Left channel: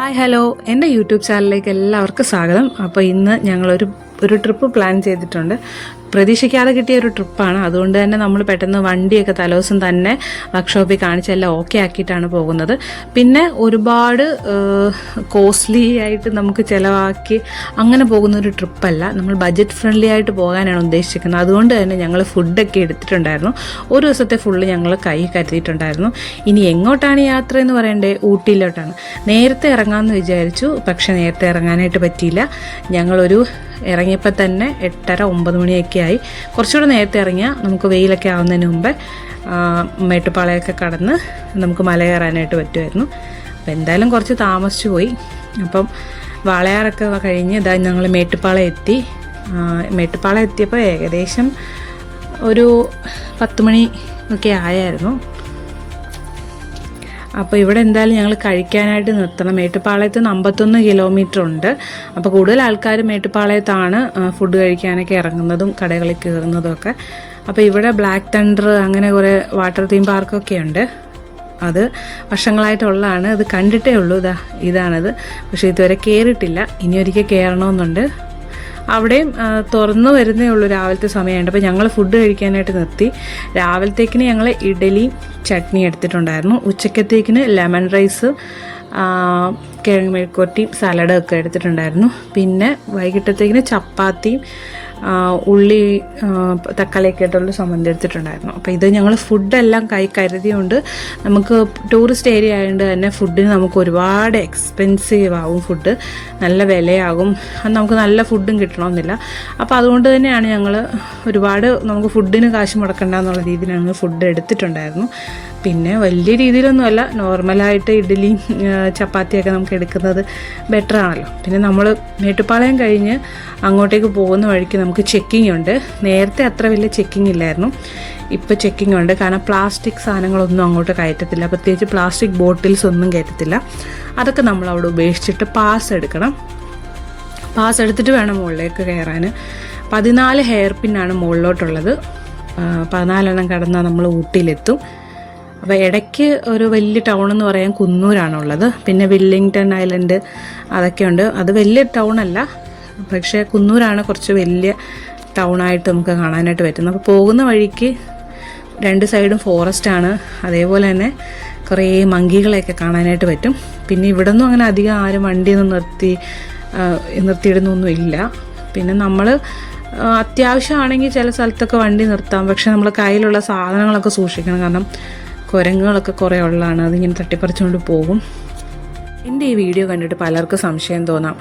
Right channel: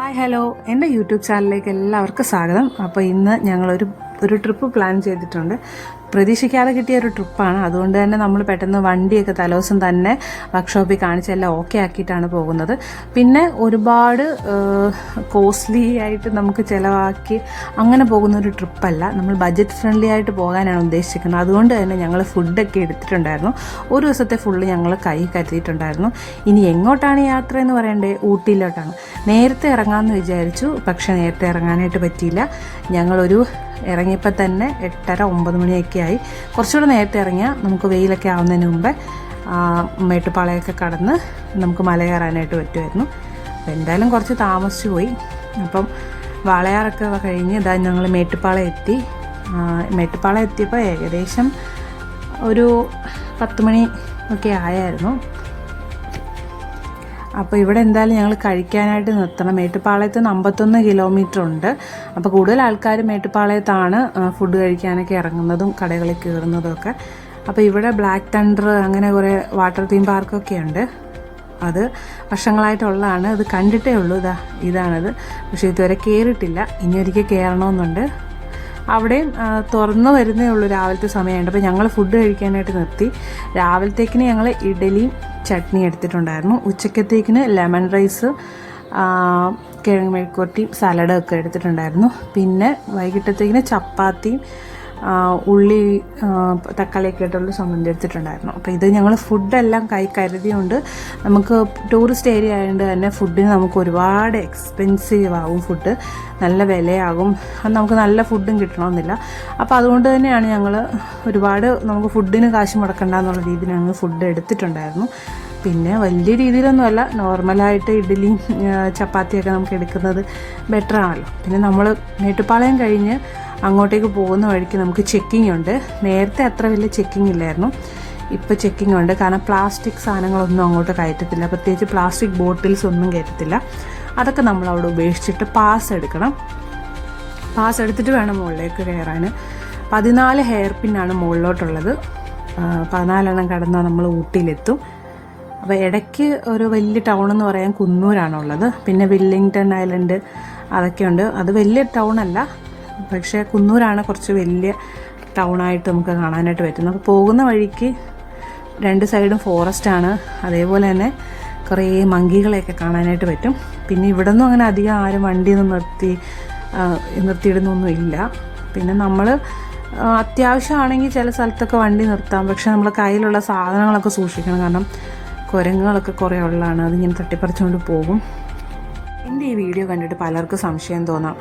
Hi hello, എൻ്റെ YouTube ചാനലിലേക്ക് എല്ലാവർക്കും സ്വാഗതം. അപ്പോൾ ഇന്ന് ഞങ്ങളൊരു ട്രിപ്പ് പ്ലാൻ ചെയ്തിട്ടുണ്ട്. പ്രതീക്ഷിക്കാതെ കിട്ടിയ ഒരു ട്രിപ്പാണ്. അതുകൊണ്ട് തന്നെ നമ്മൾ പെട്ടെന്ന് വണ്ടിയൊക്കെ തലേദിവസം തന്നെ വർക്ക്ഷോപ്പിൽ കാണിച്ചെല്ലാം ഓക്കെ ആക്കിയിട്ടാണ് പോകുന്നത്. പിന്നെ ഒരുപാട് കോസ്റ്റ്ലി ആയിട്ട് നമുക്ക് ചിലവാക്കി അങ്ങനെ പോകുന്നൊരു ട്രിപ്പല്ല. നമ്മൾ ബഡ്ജറ്റ് ഫ്രണ്ട്ലി ആയിട്ട് പോകാനാണ് ഉദ്ദേശിക്കുന്നത്. അതുകൊണ്ട് തന്നെ ഞങ്ങൾ ഫുഡൊക്കെ എടുത്തിട്ടുണ്ടായിരുന്നു. ഒരു ദിവസത്തെ ഫുള്ള് ഞങ്ങൾ കൈ കരുതിയിട്ടുണ്ടായിരുന്നു. ഇനി എങ്ങോട്ടാണ് യാത്ര എന്ന് പറയണ്ടേ? ഊട്ടിയിലോട്ടാണ്. നേരത്തെ ഇറങ്ങാമെന്ന് വിചാരിച്ചു, പക്ഷേ നേരത്തെ ഇറങ്ങാനായിട്ട് പറ്റിയില്ല. ഞങ്ങളൊരു ഇറങ്ങിയപ്പോൾ തന്നെ 8:30-9 മണിയൊക്കെ ആയി. കുറച്ചുകൂടെ നേരത്തെ ഇറങ്ങിയാൽ നമുക്ക് വെയിലൊക്കെ ആവുന്നതിന് മുമ്പേ മേട്ടുപ്പാളയൊക്കെ കടന്ന് നമുക്ക് മല കയറാനായിട്ട് പറ്റുമായിരുന്നു. അപ്പോൾ എന്തായാലും കുറച്ച് താമസിച്ചു പോയി. അപ്പം വാളയാറൊക്കെ കഴിഞ്ഞ് ഇതാ ഞങ്ങൾ മേട്ടുപ്പാളയം എത്തി. മേട്ടുപ്പാളയം എത്തിയപ്പോൾ ഏകദേശം ഒരു 10 മണി ഒക്കെ ആയായിരുന്നു. അപ്പോൾ ഇവിടെ എന്തായാലും ഞങ്ങൾ കഴിക്കാനായിട്ട് നിർത്തണം. മേട്ടുപ്പാളയത്ത് 51 കിലോമീറ്റർ ഉണ്ട്. അപ്പോൾ കൂടുതൽ ആൾക്കാർ മേട്ടുപ്പാളയത്താണ് ഫുഡ് കഴിക്കാനൊക്കെ ഇറങ്ങുന്നതും കടകളിൽ കയറുന്നതും ഒക്കെ. അപ്പോൾ ഇവിടെ ബ്ലാക്ക് തണ്ടർ അങ്ങനെ കുറേ വാട്ടർ തീം പാർക്കൊക്കെ ഉണ്ട്. അത് വർഷങ്ങളായിട്ടുള്ളതാണ്. അത് കണ്ടിട്ടേ ഉള്ളൂ. ഇതാണിത്. പക്ഷേ ഇതുവരെ കയറിയിട്ടില്ല. ഇനി ഒരിക്കൽ കയറണമെന്നുണ്ട്. അവിടെയും തുറന്നു വരുന്നേ ഉള്ളൂ. രാവിലത്തെ സമയമുണ്ട്. അപ്പോൾ ഞങ്ങൾ ഫുഡ് കഴിക്കാനായിട്ട് നിർത്തി. രാവിലത്തേക്കിന് ഞങ്ങൾ ഇഡലിയും ചട്നി എടുത്തിട്ടുണ്ടായിരുന്നു. ഉച്ചക്കത്തേക്കിന് ലെമൺ റൈസ്, കിഴങ്ങ് മെഴുക്കുവരട്ടിയും സലാഡൊക്കെ എടുത്തിട്ടുണ്ടായിരുന്നു. പിന്നെ വൈകിട്ടത്തേക്കിന് ചപ്പാത്തിയും ഉള്ളി തക്കാളിയൊക്കെ ആയിട്ടുള്ള സംബന്ധം എടുത്തിട്ടുണ്ടായിരുന്നു. അപ്പോൾ ഇത് ഞങ്ങൾ ഫുഡെല്ലാം കൈ കരുതിയുകൊണ്ട് നമുക്ക് ടൂറിസ്റ്റ് ഏരിയ ആയതുകൊണ്ട് തന്നെ ഫുഡിന് നമുക്ക് ഒരുപാട് എക്സ്പെൻസീവ് ആകും. ഫുഡ് നല്ല വിലയാകും. അത് നമുക്ക് നല്ല ഫുഡും കിട്ടണമെന്നില്ല. അപ്പോൾ അതുകൊണ്ട് തന്നെയാണ് ഞങ്ങൾ ഒരുപാട് നമുക്ക് ഫുഡിന് കാശ് മുടക്കണ്ട എന്നുള്ള രീതിയിൽ ഞങ്ങൾ ഫുഡ് എടുത്തിട്ടുണ്ടായിരുന്നു. പിന്നെ വലിയ രീതിയിലൊന്നുമല്ല, നോർമലായിട്ട് ഇഡ്ഡലിയും ചപ്പാത്തിയൊക്കെ നമുക്ക് എടുക്കുന്നത് ബെറ്റർ ആണല്ലോ. പിന്നെ നമ്മൾ മേട്ടുപ്പാളയം കഴിഞ്ഞ് അങ്ങോട്ടേക്ക് പോകുന്ന വഴിക്ക് നമുക്ക് ചെക്കിംഗ് ഉണ്ട്. നേരത്തെ അത്ര വലിയ ചെക്കിംഗ് ഇല്ലായിരുന്നു. ഇപ്പോൾ ചെക്കിംഗ് ഉണ്ട്. കാരണം പ്ലാസ്റ്റിക് സാധനങ്ങളൊന്നും അങ്ങോട്ട് കയറ്റത്തില്ല. പ്രത്യേകിച്ച് പ്ലാസ്റ്റിക് ബോട്ടിൽസ് ഒന്നും കയറ്റത്തില്ല. അതൊക്കെ നമ്മൾ അവിടെ ഉപേക്ഷിച്ചിട്ട് പാസ് എടുക്കണം. പാസ് എടുത്തിട്ട് വേണം മുകളിലേക്ക് കയറാൻ. 14 ഹെയർ പിന്നാണ് മുകളിലോട്ടുള്ളത്. 14 കടന്നാൽ നമ്മൾ ഊട്ടിയിലെത്തും. അപ്പോൾ ഇടയ്ക്ക് ഒരു വലിയ ടൗൺ എന്ന് പറയാൻ കുന്നൂരാണുള്ളത്. പിന്നെ വെല്ലിംഗ്ടൺ ഐലൻഡ് അതൊക്കെയുണ്ട്. അത് വലിയ ടൗണല്ല, പക്ഷേ കുന്നൂരാണ് കുറച്ച് വലിയ ടൗണായിട്ട് നമുക്ക് കാണാനായിട്ട് പറ്റുന്നത്. അപ്പോൾ പോകുന്ന വഴിക്ക് 2 സൈഡും ഫോറസ്റ്റാണ്. അതേപോലെ തന്നെ കുറേ മങ്കികളെയൊക്കെ കാണാനായിട്ട് പറ്റും. പിന്നെ ഇവിടെ നിന്നും അങ്ങനെ അധികം ആരും വണ്ടിയൊന്നും നിർത്തിയിടുന്നൊന്നും ഇല്ല. പിന്നെ നമ്മൾ അത്യാവശ്യമാണെങ്കിൽ ചില സ്ഥലത്തൊക്കെ വണ്ടി നിർത്താം. പക്ഷെ നമ്മൾ കയ്യിലുള്ള സാധനങ്ങളൊക്കെ സൂക്ഷിക്കണം. കാരണം കുരങ്ങുകളൊക്കെ കുറേ ഉള്ളതാണ്. അതിങ്ങനെ തട്ടിപ്പറിച്ചുകൊണ്ട് പോകും. എൻ്റെ ഈ വീഡിയോ കണ്ടിട്ട് പലർക്കും സംശയം തോന്നാം,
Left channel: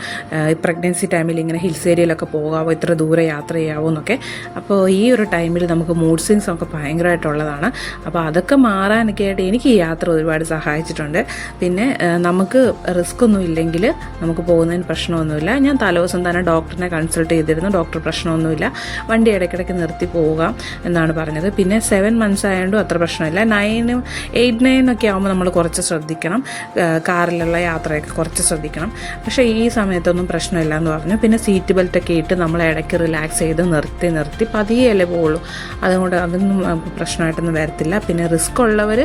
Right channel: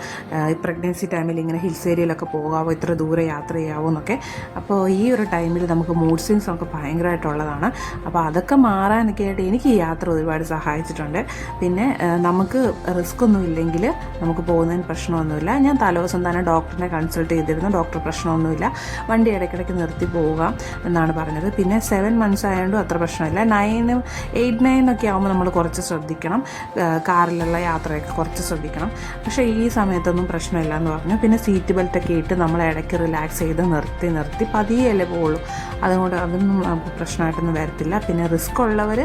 പ്രഗ്നൻസി ടൈമിൽ ഇങ്ങനെ ഹിൽസ് ഏരിയയിലൊക്കെ പോകാമോ, ഇത്ര ദൂരെ യാത്ര ചെയ്യാവോ എന്നൊക്കെ. അപ്പോൾ ഈ ഒരു ടൈമിൽ നമുക്ക് മൂഡ് സ്വിങ്സ് ഒക്കെ ഭയങ്കരമായിട്ടുള്ളതാണ്. അപ്പോൾ അതൊക്കെ മാറാനൊക്കെ ആയിട്ട് എനിക്ക് ഈ യാത്ര ഒരുപാട് സഹായിച്ചിട്ടുണ്ട്. പിന്നെ നമുക്ക് റിസ്ക് ഒന്നും ഇല്ലെങ്കിൽ നമുക്ക് പോകുന്നതിന് പ്രശ്നമൊന്നുമില്ല. ഞാൻ തലേദിവസം തന്നെ ഡോക്ടറിനെ കൺസൾട്ട് ചെയ്തിരുന്നു. ഡോക്ടർ പ്രശ്നമൊന്നുമില്ല, വണ്ടി ഇടയ്ക്കിടയ്ക്ക് നിർത്തി പോകാം എന്നാണ് പറഞ്ഞത്. പിന്നെ 7 മന്ത്സ് ആയതുകൊണ്ടും അത്ര പ്രശ്നമില്ല. 8, 9 ഒക്കെ ആകുമ്പോൾ നമ്മൾ കുറച്ച് ശ്രദ്ധിക്കണം. കാറിലുള്ള യാത്രയൊക്കെ കുറച്ച് ശ്രദ്ധിക്കണം. പക്ഷേ ഈ സമയത്തൊന്നും പ്രശ്നമില്ല എന്ന് പറഞ്ഞു. പിന്നെ സീറ്റ് ബെൽറ്റൊക്കെ ഇട്ട് നമ്മൾ ഇടയ്ക്ക് റിലാക്സ് ചെയ്ത് നിർത്തി പതിയല്ലേ പോകുള്ളൂ. അതുകൊണ്ട് അതൊന്നും നമുക്ക് പ്രശ്നമായിട്ടൊന്നും വരത്തില്ല. പിന്നെ റിസ്ക് ഉള്ളവർ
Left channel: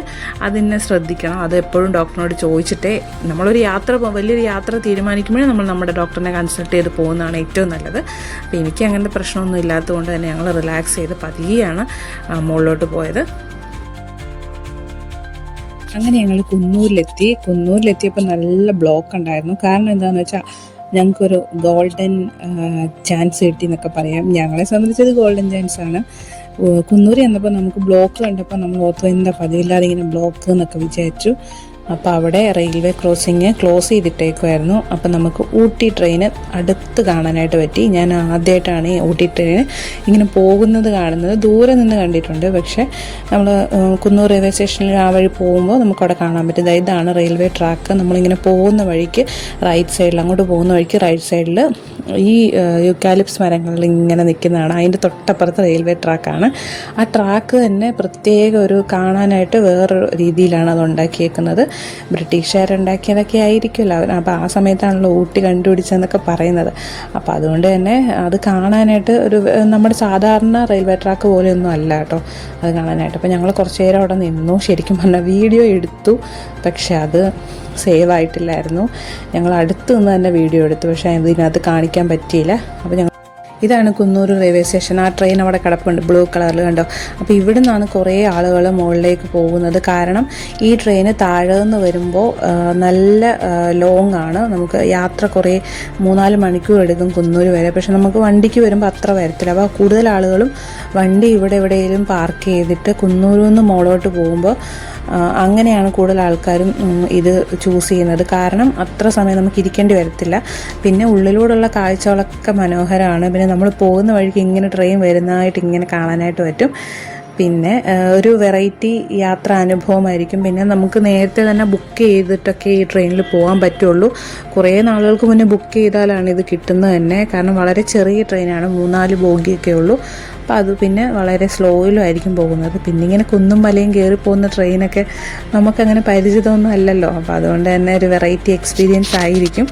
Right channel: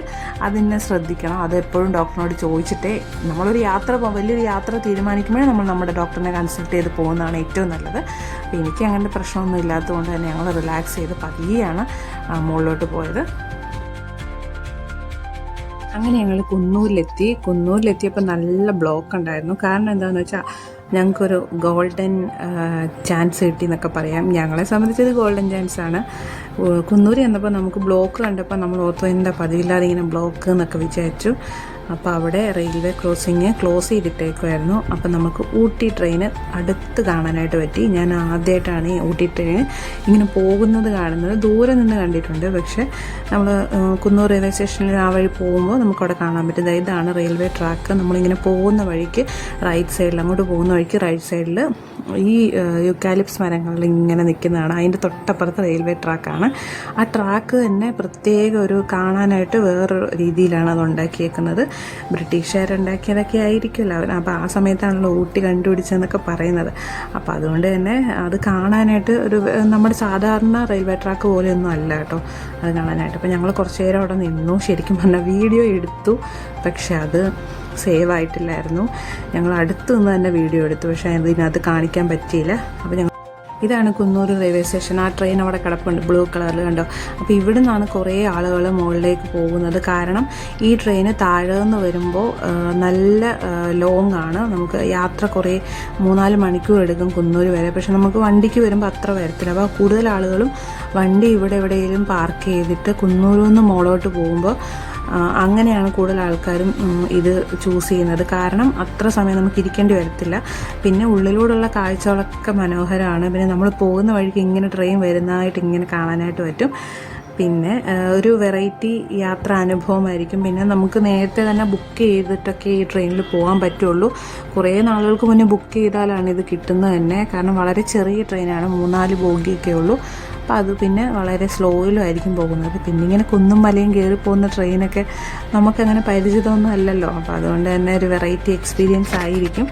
അതിനെ ശ്രദ്ധിക്കണം. അത് എപ്പോഴും ഡോക്ടറിനോട് ചോദിച്ചിട്ടേ നമ്മളൊരു വലിയൊരു യാത്ര തീരുമാനിക്കുമ്പോഴേ നമ്മൾ നമ്മുടെ ഡോക്ടറിനെ കൺസൾട്ട് ചെയ്ത് പോകുന്നതാണ് ഏറ്റവും നല്ലത്. അപ്പോൾ എനിക്ക് അങ്ങനത്തെ പ്രശ്നമൊന്നും ഇല്ലാത്തതുകൊണ്ട് തന്നെ ഞങ്ങൾ റിലാക്സ് ചെയ്ത് പതിയെയാണ് മുകളിലോട്ട് പോയത്. അങ്ങനെ ഞങ്ങൾ കുന്നൂരിലെത്തിയപ്പോൾ നല്ല ബ്ലോക്ക് ഉണ്ടായിരുന്നു. കാരണം എന്താണെന്ന് വെച്ചാൽ ഞങ്ങൾക്കൊരു ഗോൾഡൻ ചാൻസ് കിട്ടി എന്നൊക്കെ പറയാം. ഞങ്ങളെ സംബന്ധിച്ചത് ഗോൾഡൻ ചാൻസാണ്. കുന്നൂർ ചെന്നപ്പോൾ നമുക്ക് ബ്ലോക്ക് കണ്ടപ്പോൾ നമ്മൾ ഓർത്ത് എന്താ പതിവില്ലാതെ ഇങ്ങനെ ബ്ലോക്ക് എന്നൊക്കെ വിചാരിച്ചു. അപ്പോൾ അവിടെ റെയിൽവേ ക്രോസിങ് ക്ലോസ് ചെയ്തിട്ടേക്കുമായിരുന്നു. അപ്പോൾ നമുക്ക് ഊട്ടി ട്രെയിന് അടുത്ത് കാണാനായിട്ട് പറ്റി. ഞാൻ ആദ്യമായിട്ടാണ് ഈ ഊട്ടി ട്രെയിൻ ഇങ്ങനെ പോകുന്നത് കാണുന്നത്. ദൂരെ നിന്ന് കണ്ടിട്ടുണ്ട്. പക്ഷേ നമ്മൾ കുന്നൂർ റെയിൽവേ സ്റ്റേഷനിൽ ആ വഴി പോകുമ്പോൾ നമുക്കവിടെ കാണാൻ പറ്റും. ഇതാണ് റെയിൽവേ ട്രാക്ക്. നമ്മളിങ്ങനെ പോകുന്ന വഴിക്ക് റൈറ്റ് സൈഡിൽ, അങ്ങോട്ട് പോകുന്ന വഴിക്ക് റൈറ്റ് സൈഡിൽ ഈ യൂക്കാലിപ്സ് മരങ്ങളിൽ ഇങ്ങനെ നിൽക്കുന്നതാണ്. അതിൻ്റെ തൊട്ടപ്പുറത്ത് റെയിൽവേ ട്രാക്കാണ്. ആ ട്രാക്ക് തന്നെ പ്രത്യേക ഒരു കാണാനായിട്ട് വേറൊരു രീതിയിലാണ് അത് ഉണ്ടാക്കിയേക്കുന്നത്. ബ്രിട്ടീഷുകാരുണ്ടാക്കിയതൊക്കെ ആയിരിക്കുമല്ലോ അവർ. അപ്പോൾ ആ സമയത്താണല്ലോ ഊട്ടി കണ്ടുപിടിച്ചതെന്നൊക്കെ പറയുന്നത്. അപ്പോൾ അതുകൊണ്ട് തന്നെ അത് കാണാനായിട്ട് നമ്മുടെ സാധാരണ റെയിൽവേ ട്രാക്ക് പോലെയൊന്നും അല്ല കേട്ടോ അത് കാണാനായിട്ട്. അപ്പോൾ ഞങ്ങൾ കുറച്ച് നേരം അവിടെ നിന്നു. ശരിക്കും പറഞ്ഞാൽ വീഡിയോ എടുത്തു, പക്ഷെ അത് സേവ് ആയിട്ടില്ലായിരുന്നു. ഞങ്ങൾ അടുത്ത് നിന്ന് തന്നെ വീഡിയോ എടുത്തു, പക്ഷേ ഇതിനകത്ത് കാണിക്കാൻ പറ്റിയില്ല. അപ്പോൾ ഞങ്ങൾ ഇതാണ് കുന്നൂർ റെയിൽവേ സ്റ്റേഷൻ. ആ ട്രെയിൻ അവിടെ കിടപ്പുണ്ട് ബ്ലൂ കളറിൽ, കണ്ടോ. അപ്പോൾ ഇവിടെ നിന്നാണ് കുറേ ആളുകൾ മുകളിലേക്ക് പോകുന്നത്. കാരണം ഈ ട്രെയിന് താഴെ നിന്ന് വരുമ്പോൾ നല്ല ലോങ് ആണ്, നമുക്ക് യാത്ര കുറേ 3-4 മണിക്കൂർ എടുക്കും കുന്നൂർ വരെ. പക്ഷെ നമുക്ക് വണ്ടിക്ക് വരുമ്പോൾ അത്ര വരത്തില്ല. അപ്പോൾ കൂടുതൽ ആളുകളും വണ്ടി ഇവിടെ എവിടെയെങ്കിലും പാർക്ക് ചെയ്തിട്ട് കുന്നൂരിൽ നിന്ന് മുകളോട്ട് പോകുമ്പോൾ അങ്ങനെയാണ് കൂടുതൽ ആൾക്കാരും ഇത് ചൂസ് ചെയ്യുന്നത്. കാരണം അത്ര സമയം നമുക്ക് ഇരിക്കേണ്ടി വരത്തില്ല. പിന്നെ ഉള്ളിലൂടെയുള്ള കാഴ്ചകളൊക്കെ മനോഹരമാണ്. പിന്നെ നമ്മൾ പോകുന്ന വഴിക്ക് ഇങ്ങനെ ട്രെയിൻ വരുന്നതായിട്ട് ഇങ്ങനെ കാണാനായിട്ട് പറ്റും. പിന്നെ ഒരു വെറൈറ്റി യാത്രാ അനുഭവമായിരിക്കും. പിന്നെ നമുക്ക് നേരത്തെ തന്നെ ബുക്ക് ചെയ്തിട്ടൊക്കെ ഈ ട്രെയിനിൽ പോകാൻ പറ്റുള്ളൂ. കുറേ നാളുകൾക്ക് മുന്നേ ബുക്ക് ചെയ്താലാണ് ഇത് കിട്ടുന്നത് തന്നെ. കാരണം വളരെ ചെറിയ ട്രെയിനാണ്, 3-4 ബോഗിയൊക്കെ ഉള്ളൂ. അപ്പോൾ അത് പിന്നെ വളരെ സ്ലോയിലും ആയിരിക്കും പോകുന്നത്. പിന്നെ ഇങ്ങനെ കുന്നും മലയും കയറി പോകുന്ന ട്രെയിനൊക്കെ നമുക്കങ്ങനെ പരിചിതമൊന്നും അല്ലല്ലോ. അപ്പോൾ അതുകൊണ്ട് തന്നെ ഒരു വെറൈറ്റി എക്സ്പീരിയൻസ് ആയിരിക്കും.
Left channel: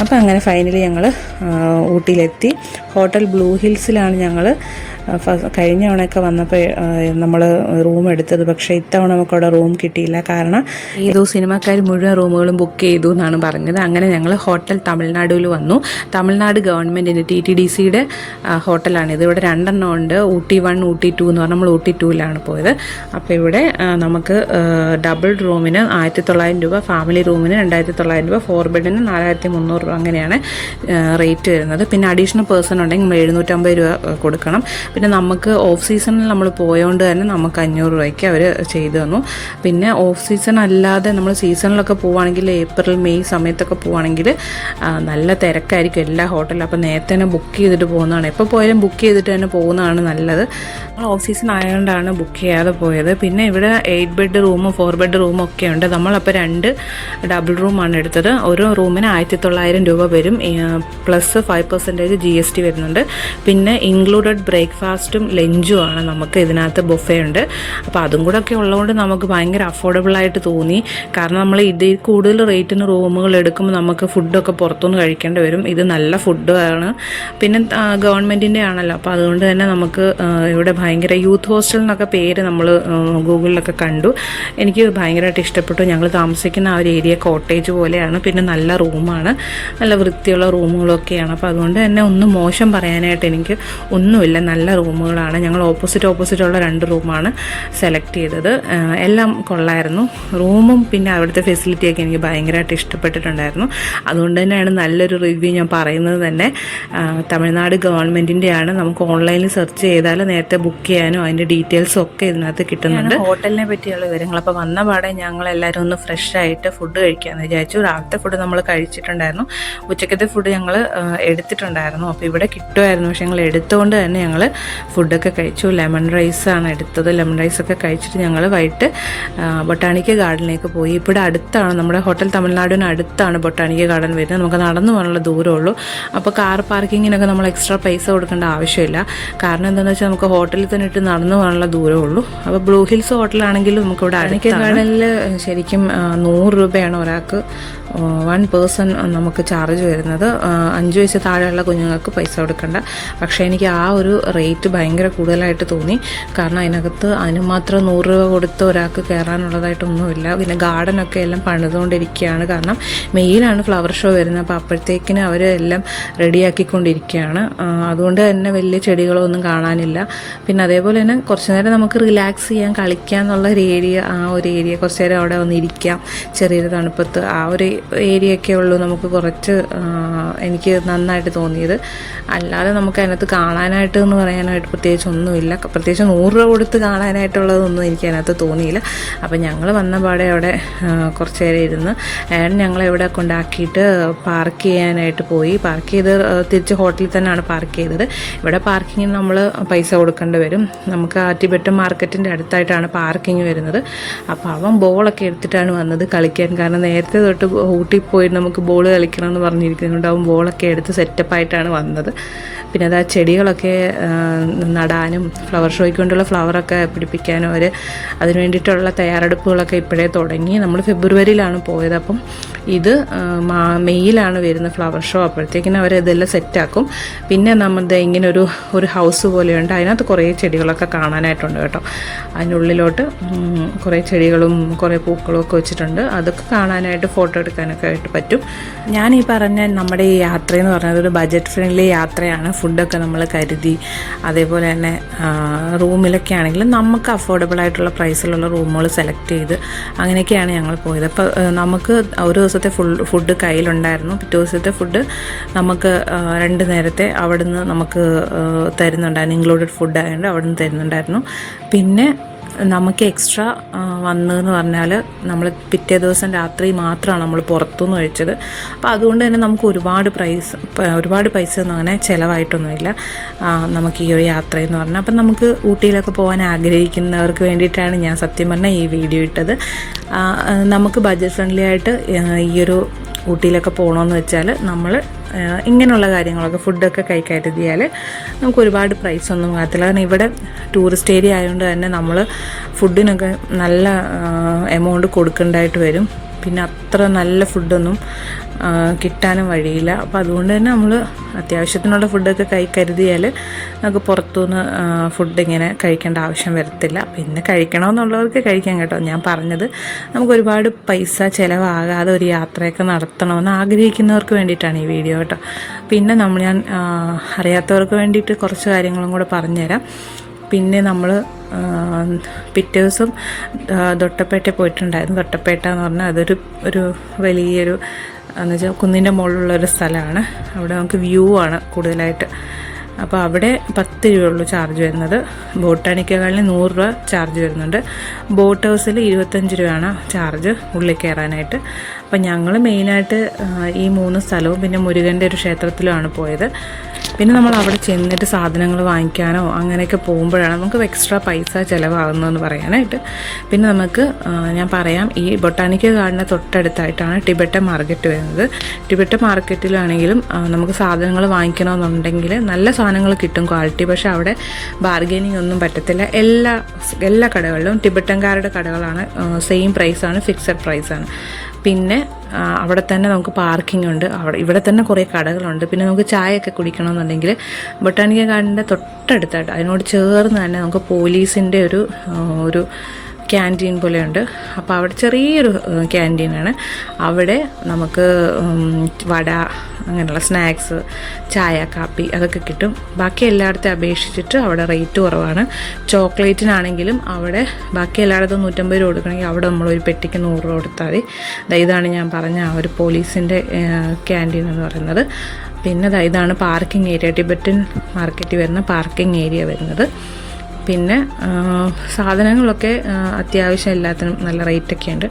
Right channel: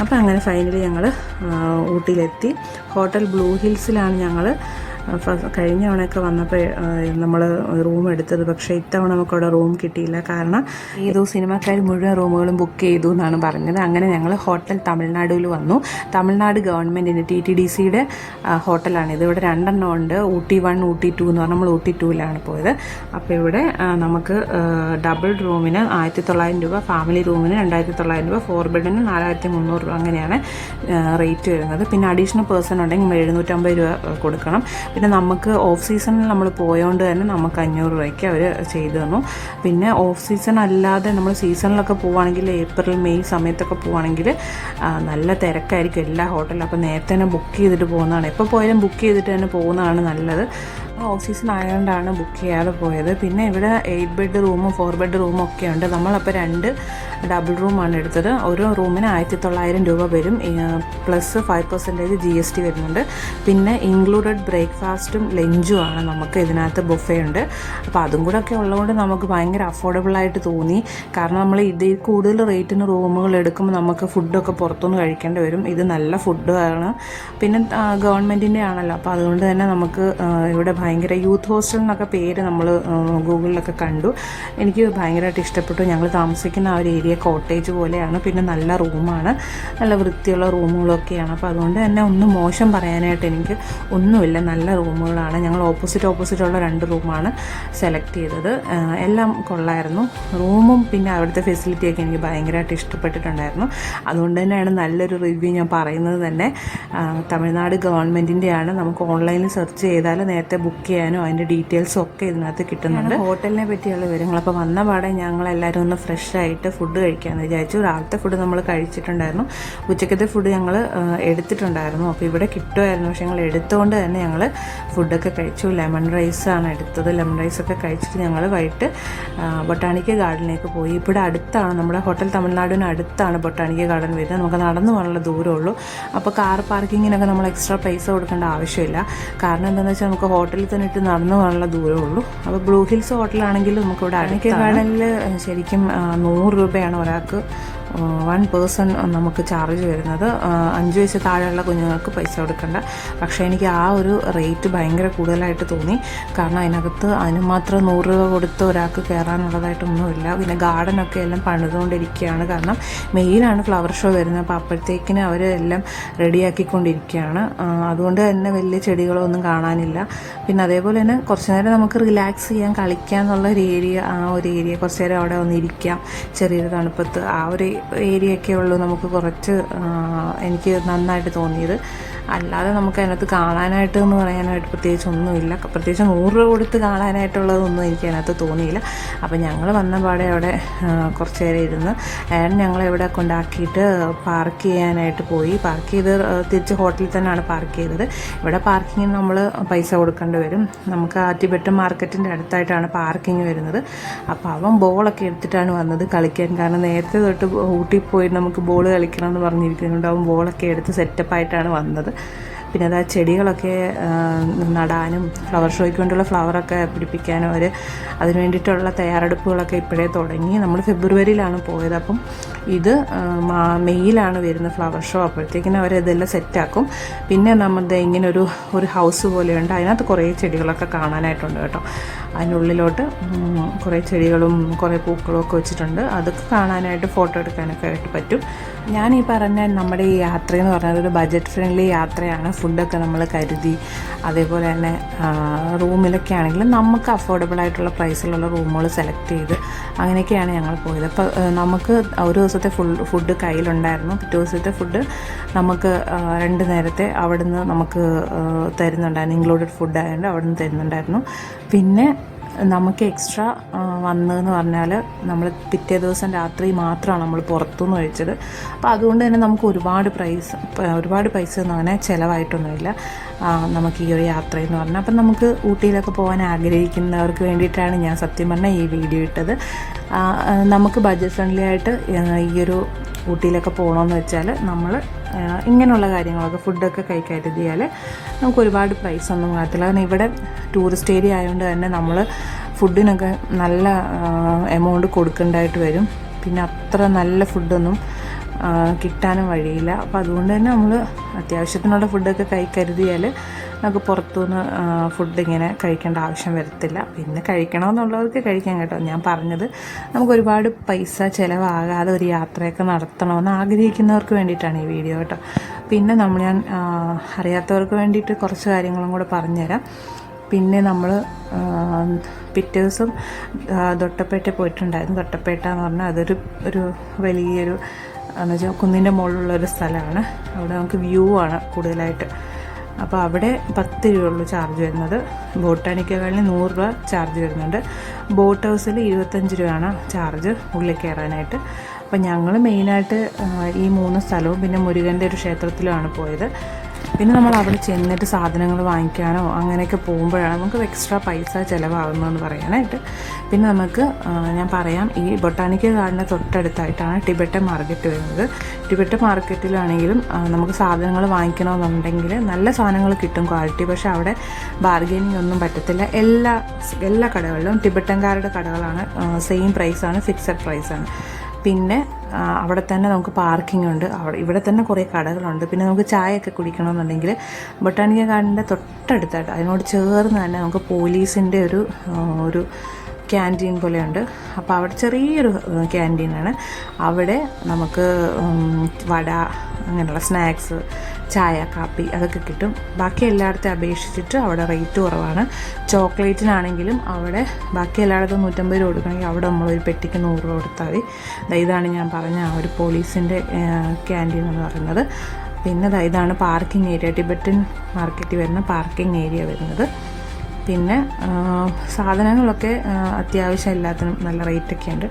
അപ്പോൾ അങ്ങനെ ഫൈനലി ഞങ്ങൾ ഊട്ടിയിലെത്തി. ഹോട്ടൽ ബ്ലൂ ഹിൽസിലാണ് ഞങ്ങൾ കഴിഞ്ഞ തവണയൊക്കെ വന്നപ്പോൾ നമ്മൾ റൂം എടുത്തത്. പക്ഷേ ഇത്തവണ നമുക്കവിടെ റൂം കിട്ടിയില്ല. കാരണം ഇത് സിനിമക്കാർ മുഴുവൻ റൂമുകളും ബുക്ക് ചെയ്തു എന്നാണ് പറഞ്ഞത്. അങ്ങനെ ഞങ്ങൾ ഹോട്ടൽ തമിഴ്നാടുവിൽ വന്നു. തമിഴ്നാട് ഗവൺമെൻറ്റിൻ്റെ TTDCയുടെ ഹോട്ടലാണിത്. ഇവിടെ 2 ഉണ്ട്, ഊട്ടി 1, ഊട്ടി 2 എന്ന് പറഞ്ഞാൽ നമ്മൾ ഊട്ടി 2ലാണ് പോയത്. അപ്പോൾ ഇവിടെ നമുക്ക് ഡബിൾ റൂമിന് 1900 രൂപ, ഫാമിലി റൂമിന് 2900 രൂപ, 4 ബെഡിന് 4300 രൂപ, അങ്ങനെയാണ് റേറ്റ് വരുന്നത്. പിന്നെ അഡീഷണൽ പേഴ്സൺ ഉണ്ടെങ്കിൽ 750 രൂപ കൊടുക്കണം. പിന്നെ നമുക്ക് ഓഫ് സീസണിൽ നമ്മൾ പോയതുകൊണ്ട് തന്നെ നമുക്ക് 500 രൂപയ്ക്ക് അവർ ചെയ്തു തന്നു. പിന്നെ ഓഫ് സീസൺ അല്ലാതെ നമ്മൾ സീസണിലൊക്കെ പോവുകയാണെങ്കിൽ ഏപ്രിൽ മെയ് സമയത്തൊക്കെ പോവുകയാണെങ്കിൽ നല്ല തിരക്കായിരിക്കും എല്ലാ ഹോട്ടലിലും. അപ്പോൾ നേരത്തെ തന്നെ ബുക്ക് ചെയ്തിട്ട് പോകുന്നതാണ്. എപ്പോൾ പോയാലും ബുക്ക് ചെയ്തിട്ട് തന്നെ പോകുന്നതാണ് നല്ലത്. നമ്മൾ ഓഫ് സീസൺ ആയതുകൊണ്ടാണ് ബുക്ക് ചെയ്യാതെ പോയത്. പിന്നെ ഇവിടെ 8 ബെഡ് റൂമും 4 ബെഡ് റൂമും ഒക്കെ ഉണ്ട്. നമ്മളപ്പോൾ 2 ഡബിൾ റൂമാണ് എടുത്തത്. ഓരോ റൂമിന് 1900 രൂപ വരും, പ്ലസ് 5% GST വരുന്നുണ്ട്. പിന്നെ ഇൻക്ലൂഡഡ് ബ്രേക്ക്ഫാസ്റ്റും ലഞ്ചും ആണ്. നമുക്ക് ഇതിനകത്ത് ബുഫേ ഉണ്ട്. അപ്പോൾ അതും കൂടെ ഒക്കെ ഉള്ളതുകൊണ്ട് നമുക്ക് ഭയങ്കര അഫോർഡബിളായിട്ട് തോന്നി. കാരണം നമ്മൾ ഇതിൽ കൂടുതൽ റേറ്റിന് റൂമുകൾ എടുക്കുമ്പോൾ നമുക്ക് ഫുഡൊക്കെ പുറത്തുനിന്ന് കഴിക്കേണ്ടി വരും. ഇത് നല്ല ഫുഡാണ്. പിന്നെ ഗവൺമെൻറ്റിൻ്റെ ആണല്ലോ, അപ്പോൾ അതുകൊണ്ട് തന്നെ നമുക്ക് ഇവിടെ ഭയങ്കര യൂത്ത് ഹോസ്റ്റൽ എന്നൊക്കെ പേര് നമ്മൾ ഗൂഗിളിലൊക്കെ കണ്ടു. എനിക്ക് ഭയങ്കരമായിട്ട് ഇഷ്ടപ്പെട്ടു. ഞങ്ങൾ താമസിക്കുന്ന ആ ഒരു ഏരിയ കോട്ടേജ് പോലെയാണ്. പിന്നെ നല്ല റൂമാണ്, നല്ല വൃത്തിയുള്ള റൂമുകളൊക്കെയാണ്. അപ്പോൾ അതുകൊണ്ട് തന്നെ ഒന്നും മോശം പറയാനായിട്ട് എനിക്ക് ഒന്നുമില്ല, നല്ല റൂമുകളാണ്. ഞങ്ങൾ ഓപ്പോസിറ്റുള്ള 2 റൂമാണ് സെലക്ട് ചെയ്തത്. എല്ലാം കൊള്ളായിരുന്നു. റൂമും പിന്നെ അവിടുത്തെ ഫെസിലിറ്റിയൊക്കെ എനിക്ക് ഭയങ്കരമായിട്ട് ഇഷ്ടപ്പെട്ടിട്ടുണ്ടായിരുന്നു. അതുകൊണ്ട് തന്നെയാണ് നല്ലൊരു റിവ്യൂ ഞാൻ പറയുന്നത് തന്നെ. തമിഴ്നാട് ഗവൺമെൻറ്റിൻ്റെയാണ്. നമുക്ക് ഓൺലൈനിൽ സെർച്ച് ചെയ്താൽ നേരത്തെ ബുക്ക് ചെയ്യാനും അതിൻ്റെ ഡീറ്റെയിൽസും ഒക്കെ ഇതിനകത്ത് കിട്ടുന്നുണ്ട്. ഹോട്ടലിനെ പറ്റിയുള്ള വിവരങ്ങൾ. അപ്പോൾ വന്ന പാടെ ഞങ്ങളെല്ലാവരും ഒന്ന് ഫ്രഷ് ആയിട്ട് ഫുഡ് കഴിക്കാമെന്ന് വിചാരിച്ചു. രാവിലത്തെ ഫുഡ് നമ്മൾ കഴിച്ചിട്ടുണ്ടായിരുന്നു. ഉച്ചക്കത്തെ ഫുഡ് ഞങ്ങൾ എടുത്തിട്ടുണ്ടായിരുന്നു. അപ്പോൾ ഇവിടെ കിട്ടുമായിരുന്നു, പക്ഷേ ഞങ്ങൾ എടുത്തുകൊണ്ട് തന്നെ ഞങ്ങൾ ഫുഡൊക്കെ കഴിച്ചു. ലെമൺ റൈസാണ് എടുത്തത്. ലെമൺ റൈസൊക്കെ കഴിച്ചിട്ട് ഞങ്ങൾ വൈകിട്ട് ബൊട്ടാണിക്കൽ ഗാർഡനിലേക്ക് പോയി. ഇവിടെ അടുത്താണ്, നമ്മുടെ ഹോട്ടൽ തമിഴ്നാടിന് അടുത്താണ് ബൊട്ടാണിക്കൽ ഗാർഡൻ വരുന്നത്. നമുക്ക് നടന്നു പോകാനുള്ള ദൂരമുള്ളൂ. അപ്പോൾ കാർ പാർക്കിങ്ങിനൊക്കെ നമ്മൾ എക്സ്ട്രാ പൈസ കൊടുക്കേണ്ട ആവശ്യമില്ല. കാരണം എന്താണെന്ന് വെച്ചാൽ നമുക്ക് ഹോട്ടലിൽ തന്നെ ഇട്ട് നടന്നു പോകാനുള്ള ദൂരമുള്ളൂ. അപ്പോൾ ബ്ലൂ ഹിൽസ് ഹോട്ടലാണെങ്കിലും നമുക്കിവിടെ ബൊട്ടാണിക്കൽ ഗാർഡനിൽ ശരിക്കും 100 രൂപയാണ് ഒരാൾക്ക് 1 പേഴ്സൺ നമുക്ക് ചാർജ് വരുന്നത്. 5 വയസ്സ് താഴെയുള്ള കുഞ്ഞുങ്ങൾക്ക് പൈസ കൊടുക്കേണ്ട. പക്ഷേ എനിക്ക് ആ ഒരു റേറ്റ് ഭയങ്കര കൂടുതലായിട്ട് തോന്നി. കാരണം അതിന് മാത്രം 100 രൂപ കൊടുത്ത് ഒരാൾക്ക് കയറാനുള്ളതായിട്ടൊന്നുമില്ല. പിന്നെ ഗാർഡനൊക്കെ എല്ലാം പണിതുകൊണ്ടിരിക്കുകയാണ്. കാരണം മെയിലാണ് ഫ്ലവർ ഷോ വരുന്നത്. അപ്പോൾ അപ്പോഴത്തേക്കിന് അവർ എല്ലാം റെഡിയാക്കിക്കൊണ്ടിരിക്കുകയാണ്. അതുകൊണ്ട് തന്നെ വലിയ ചെടികളൊന്നും കാണാനില്ല. പിന്നെ അതേപോലെ തന്നെ കുറച്ച് നേരം നമുക്ക് റിലാക്സ് ചെയ്യാൻ, കളിക്കാം എന്നുള്ള ഒരു ഏരിയ, ആ ഒരു ഏരിയ കുറച്ച് നേരം അവിടെ വന്നിരിക്കാം ചെറിയൊരു തണുപ്പത്ത്, ആ ഒരു ഏരിയയൊക്കെ ഉള്ളൂ നമുക്ക് കുറച്ച് എനിക്ക് നന്നായിട്ട് തോന്നിയത്. അല്ലാതെ നമുക്ക് അതിനകത്ത് കാണാനായിട്ട് എന്ന് പറയാനായിട്ട് പ്രത്യേകിച്ച് ഒന്നുമില്ല. പ്രത്യേകിച്ച് 100 രൂപ കൊടുത്ത് കാണാനായിട്ടുള്ളതൊന്നും എനിക്ക് അതിനകത്ത് തോന്നിയില്ല. അപ്പം ഞങ്ങൾ വന്ന പാടെ അവിടെ കുറച്ച് നേരം ഇരുന്ന് ഞങ്ങളെ ഇവിടെ കൊണ്ടാക്കിയിട്ട് പാർക്ക് ചെയ്യാനായിട്ട് പോയി. പാർക്ക് ചെയ്ത് തിരിച്ച് ഹോട്ടലിൽ തന്നെയാണ് പാർക്ക് ചെയ്തത്. ഇവിടെ പാർക്കിങ്ങിന് നമ്മൾ പൈസ കൊടുക്കേണ്ടി വരും. നമുക്ക് ആറ്റിബെട്ട് മാർക്കറ്റിൻ്റെ അടുത്തായിട്ടാണ് പാർക്കിങ് വരുന്നത്. അപ്പോൾ അവൻ ബോളൊക്കെ എടുത്തിട്ടാണ് വന്നത് കളിക്കാൻ. കാരണം നേരത്തെ തൊട്ട് ഊട്ടി പോയി നമുക്ക് ബോൾ കളിക്കണം എന്ന് പറഞ്ഞിരിക്കുന്നുണ്ട്. അവൻ ബോളൊക്കെ എടുത്ത് സെറ്റപ്പായിട്ടാണ് വന്നത്. പിന്നെ അത് ചെടികളൊക്കെ നടാനും ഫ്ലവർ ഷോയ്ക്ക് വേണ്ടിയുള്ള ഫ്ലവറൊക്കെ പിടിപ്പിക്കാനും അതിന് വേണ്ടിയിട്ടുള്ള തയ്യാറെടുപ്പുകളൊക്കെ ഇപ്പോഴേ തുടങ്ങി. നമ്മൾ ഫെബ്രുവരിയിലാണ് പോയത്. അപ്പം ഇത് മെയ്യിലാണ് വരുന്ന ഫ്ലവർ ഷോ. അപ്പോഴത്തേക്കിനും അവരിതെല്ലാം സെറ്റാക്കും. പിന്നെ നമ്മുടെ ഇങ്ങനെ ഒരു ഹൗസ് പോലെയുണ്ട്. അതിനകത്ത് കുറേ ചെടികളൊക്കെ കാണാനായിട്ടുണ്ട് കേട്ടോ. അതിനുള്ളിലോട്ട് കുറേ ചെടികളും കുറേ പൂക്കളും ഒക്കെ വെച്ചിട്ടുണ്ട്. അതൊക്കെ കാണാനായിട്ട് ഫോട്ടോ എടുക്കാനൊക്കെ ആയിട്ട് പറ്റും. ഞാൻ ഈ പറഞ്ഞ നമ്മുടെ ഈ യാത്രയെന്ന് പറഞ്ഞത് ഒരു ബഡ്ജറ്റ് ഫ്രണ്ട്ലി യാത്രയാണ്. ഫുഡൊക്കെ നമ്മൾ കരുതി, അതേപോലെ തന്നെ റൂമിലൊക്കെ ആണെങ്കിലും നമുക്ക് അഫോർഡബിൾ ആയിട്ടുള്ള പ്രൈസിലുള്ള റൂമുകൾ സെലക്ട് ചെയ്ത് അങ്ങനെയൊക്കെയാണ് ഞങ്ങൾ പോയത്. അപ്പോൾ നമുക്ക് ഒരു ദിവസത്തെ ഫുഡ് കയ്യിലുണ്ടായിരുന്നു. പിറ്റേ ദിവസത്തെ ഫുഡ് നമുക്ക് 2 നേരത്തെ അവിടുന്ന് നമുക്ക് തരുന്നുണ്ടായിരുന്നു. ഇൻക്ലൂഡഡ് ഫുഡ് ആയതുകൊണ്ട് അവിടുന്ന് തരുന്നുണ്ടായിരുന്നു. പിന്നെ നമുക്ക് എക്സ്ട്രാ വന്നതെന്ന് പറഞ്ഞാൽ നമ്മൾ പിറ്റേ ദിവസം രാത്രി മാത്രമാണ് നമ്മൾ പുറത്തുനിന്ന് കഴിച്ചത്. അപ്പോൾ അതുകൊണ്ട് തന്നെ നമുക്ക് ഒരുപാട് പൈസ ഒന്നും അങ്ങനെ ചിലവായിട്ടൊന്നുമില്ല നമുക്ക് ഈ ഒരു യാത്രയെന്ന് പറഞ്ഞാൽ. അപ്പം നമുക്ക് ഊട്ടിയിലൊക്കെ പോകാൻ ആഗ്രഹിക്കുന്നവർക്ക് വേണ്ടിയിട്ടാണ് ഞാൻ സത്യം പറഞ്ഞാൽ ഈ വീഡിയോ ഇട്ടത്. നമുക്ക് ബഡ്ജറ്റ് ഫ്രണ്ട്ലി ആയിട്ട് ഈ ഒരു ഊട്ടിയിലൊക്കെ പോകണമെന്ന് വെച്ചാൽ നമ്മൾ ഇങ്ങനെയുള്ള കാര്യങ്ങളൊക്കെ ഫുഡൊക്കെ കരുതിയാൽ നമുക്ക് ഒരുപാട് പ്രൈസൊന്നും ആകത്തില്ല. കാരണം ഇവിടെ ടൂറിസ്റ്റ് ഏരിയ ആയതുകൊണ്ട് തന്നെ നമ്മൾ ഫുഡിനൊക്കെ നല്ല എമൗണ്ട് കൊടുക്കേണ്ടതായിട്ട് വരും. പിന്നെ അത്ര നല്ല ഫുഡൊന്നും കിട്ടാനും വഴിയില്ല. അപ്പോൾ അതുകൊണ്ട് തന്നെ നമ്മൾ അത്യാവശ്യത്തിനുള്ള ഫുഡൊക്കെ കരുതിയാൽ നമുക്ക് പുറത്തുനിന്ന് ഫുഡ് ഇങ്ങനെ കഴിക്കേണ്ട ആവശ്യം വരത്തില്ല. പിന്നെ കഴിക്കണമെന്നുള്ളവർക്ക് കഴിക്കാം കേട്ടോ. ഞാൻ പറഞ്ഞത് നമുക്ക് ഒരുപാട് പൈസ ചിലവാകാതെ ഒരു യാത്രയൊക്കെ നടത്തണമെന്ന് ആഗ്രഹിക്കുന്നവർക്ക് വേണ്ടിയിട്ടാണ് ഈ വീഡിയോ കേട്ടോ. പിന്നെ ഞാൻ അറിയാത്തവർക്ക് വേണ്ടിയിട്ട് കുറച്ച് കാര്യങ്ങളും കൂടെ പറഞ്ഞുതരാം. പിന്നെ നമ്മൾ പിറ്റേ ദിവസം തൊട്ടപ്പേട്ട പോയിട്ടുണ്ടായിരുന്നു. തൊട്ടപ്പേട്ട എന്ന് പറഞ്ഞാൽ അതൊരു വലിയൊരു എന്നുവെച്ചാൽ കുന്നിൻ്റെ മുകളിലുള്ളൊരു സ്ഥലമാണ്. അവിടെ നമുക്ക് വ്യൂ ആണ് കൂടുതലായിട്ട്. അപ്പോൾ അവിടെ 10 രൂപയുള്ളൂ ചാർജ് വരുന്നത്. ബോട്ടാണിക്കകളിൽ 100 രൂപ ചാർജ് വരുന്നുണ്ട്. ബോട്ട് ഹൗസിൽ 25 രൂപയാണ് ചാർജ് ഉള്ളിൽ കയറാനായിട്ട്. അപ്പം ഞങ്ങൾ മെയിനായിട്ട് ഈ 3 സ്ഥലവും പിന്നെ മുരുകൻ്റെ ഒരു ക്ഷേത്രത്തിലുമാണ് പോയത്. പിന്നെ നമ്മൾ അവിടെ ചെന്നിട്ട് സാധനങ്ങൾ വാങ്ങിക്കാനോ അങ്ങനെയൊക്കെ പോകുമ്പോഴാണ് നമുക്ക് എക്സ്ട്രാ പൈസ ചിലവാകുന്നതെന്ന് പറയാനായിട്ട്. പിന്നെ നമുക്ക് ഞാൻ പറയാം, ഈ ബൊട്ടാണിക്കൽ ഗാർഡന് തൊട്ടടുത്തായിട്ടാണ് ടിബറ്റൻ മാർക്കറ്റ് വരുന്നത്. ടിബറ്റൻ മാർക്കറ്റിലാണെങ്കിലും നമുക്ക് സാധനങ്ങൾ വാങ്ങിക്കണമെന്നുണ്ടെങ്കിൽ നല്ല സാധനങ്ങൾ കിട്ടും, ക്വാളിറ്റി. പക്ഷേ അവിടെ ബാർഗെയിനിങ് ഒന്നും പറ്റത്തില്ല. എല്ലാ കടകളിലും ടിബറ്റൻകാരുടെ കടകളാണ്, സെയിം പ്രൈസാണ്, ഫിക്സഡ് പ്രൈസാണ്. പിന്നെ അവിടെ തന്നെ നമുക്ക് പാർക്കിംഗ് ഉണ്ട്. ഇവിടെ തന്നെ കുറേ കടകളുണ്ട്. പിന്നെ നമുക്ക് ചായയൊക്കെ കുടിക്കണമെന്നുണ്ടെങ്കിൽ ബൊട്ടാണിക്കൽ ഗാർഡൻ്റെ തൊട്ടടുത്തായിട്ട് അതിനോട് ചേർന്ന് തന്നെ നമുക്ക് പോലീസിൻ്റെ ഒരു ക്യാൻറ്റീൻ പോലെയുണ്ട്. അപ്പോൾ അവിടെ ചെറിയൊരു ക്യാൻറ്റീനാണ്. അവിടെ നമുക്ക് വട, അങ്ങനെയുള്ള സ്നാക്സ്, ചായ, കാപ്പി അതൊക്കെ കിട്ടും. ബാക്കി എല്ലായിടത്തും അപേക്ഷിച്ചിട്ട് അവിടെ റേറ്റ് കുറവാണ്. ചോക്ലേറ്റിനാണെങ്കിലും അവിടെ ബാക്കി എല്ലായിടത്തും 150 രൂപ കൊടുക്കണമെങ്കിൽ അവിടെ നമ്മളൊരു പെട്ടിക്ക് 100 രൂപ കൊടുത്താൽ മതി. ഇതാണ് ഞാൻ പറഞ്ഞ ആ ഒരു പോലീസിൻ്റെ ക്യാൻറ്റീൻ എന്ന് പറയുന്നത്. പിന്നെ ഇതാണ് പാർക്കിംഗ് ഏരിയ, ടിബറ്റൻ മാർക്കറ്റിൽ വരുന്ന പാർക്കിംഗ് ഏരിയ വരുന്നത്. പിന്നെ സാധനങ്ങളൊക്കെ അത്യാവശ്യം എല്ലാത്തിനും നല്ല റേറ്റൊക്കെ ഉണ്ട്.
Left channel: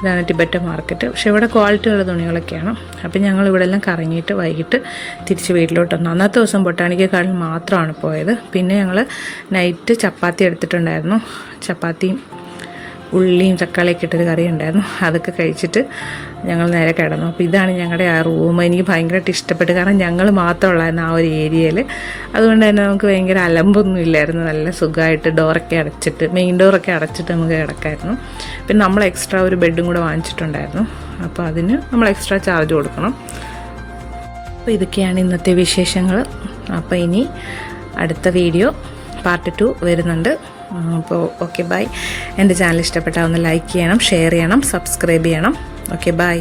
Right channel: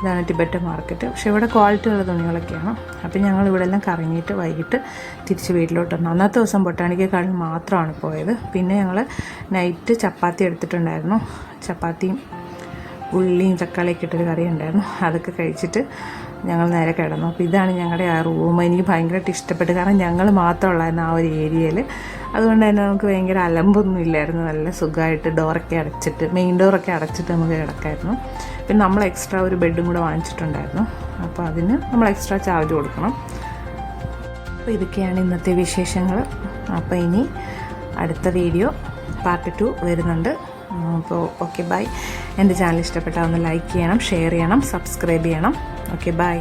ഇതാണ് ടിബറ്റൻ മാർക്കറ്റ്. പക്ഷേ ഇവിടെ ക്വാളിറ്റി ഉള്ള തുണികളൊക്കെയാണ്. അപ്പം ഞങ്ങൾ ഇവിടെ എല്ലാം കറങ്ങിയിട്ട് വൈകിട്ട് തിരിച്ച് വീട്ടിലോട്ട് വന്നു. അന്നത്തെ ദിവസം ബൊട്ടാണിക്കൽ ഗാർഡൻ മാത്രമാണ് പോയത്. പിന്നെ ഞങ്ങൾ നൈറ്റ് ചപ്പാത്തി എടുത്തിട്ടുണ്ടായിരുന്നു. ചപ്പാത്തിയും ഉള്ളിയും തക്കാളിയൊക്കെ ഇട്ടൊരു കറി ഉണ്ടായിരുന്നു. അതൊക്കെ കഴിച്ചിട്ട് ഞങ്ങൾ നേരെ കിടന്നു. അപ്പോൾ ഇതാണ് ഞങ്ങളുടെ ആ റൂം. എനിക്ക് ഭയങ്കരമായിട്ട് ഇഷ്ടപ്പെട്ടു. കാരണം ഞങ്ങൾ മാത്രമുള്ളായിരുന്നു ആ ഒരു ഏരിയയിൽ. അതുകൊണ്ട് തന്നെ നമുക്ക് ഭയങ്കര അലമ്പൊന്നും ഇല്ലായിരുന്നു. നല്ല സുഖമായിട്ട് ഡോറൊക്കെ അടച്ചിട്ട്, മെയിൻ ഡോറൊക്കെ അടച്ചിട്ട് നമുക്ക് കിടക്കായിരുന്നു. പിന്നെ നമ്മൾ എക്സ്ട്രാ ഒരു ബെഡും കൂടെ വാങ്ങിച്ചിട്ടുണ്ടായിരുന്നു. അപ്പോൾ അതിന് നമ്മൾ എക്സ്ട്രാ ചാർജ് കൊടുക്കണം. അപ്പോൾ ഇതൊക്കെയാണ് ഇന്നത്തെ വിശേഷങ്ങൾ. അപ്പോൾ ഇനി അടുത്ത വീഡിയോ പാർട്ട് 2 വരുന്നുണ്ട്. അപ്പോൾ ഓക്കെ, ബൈ. എൻ്റെ ചാനൽ ഇഷ്ടപ്പെട്ടാൽ ഒന്ന് ലൈക്ക് ചെയ്യണം, ഷെയർ ചെയ്യണം, സബ്സ്ക്രൈബ് ചെയ്യണം. Okay, by.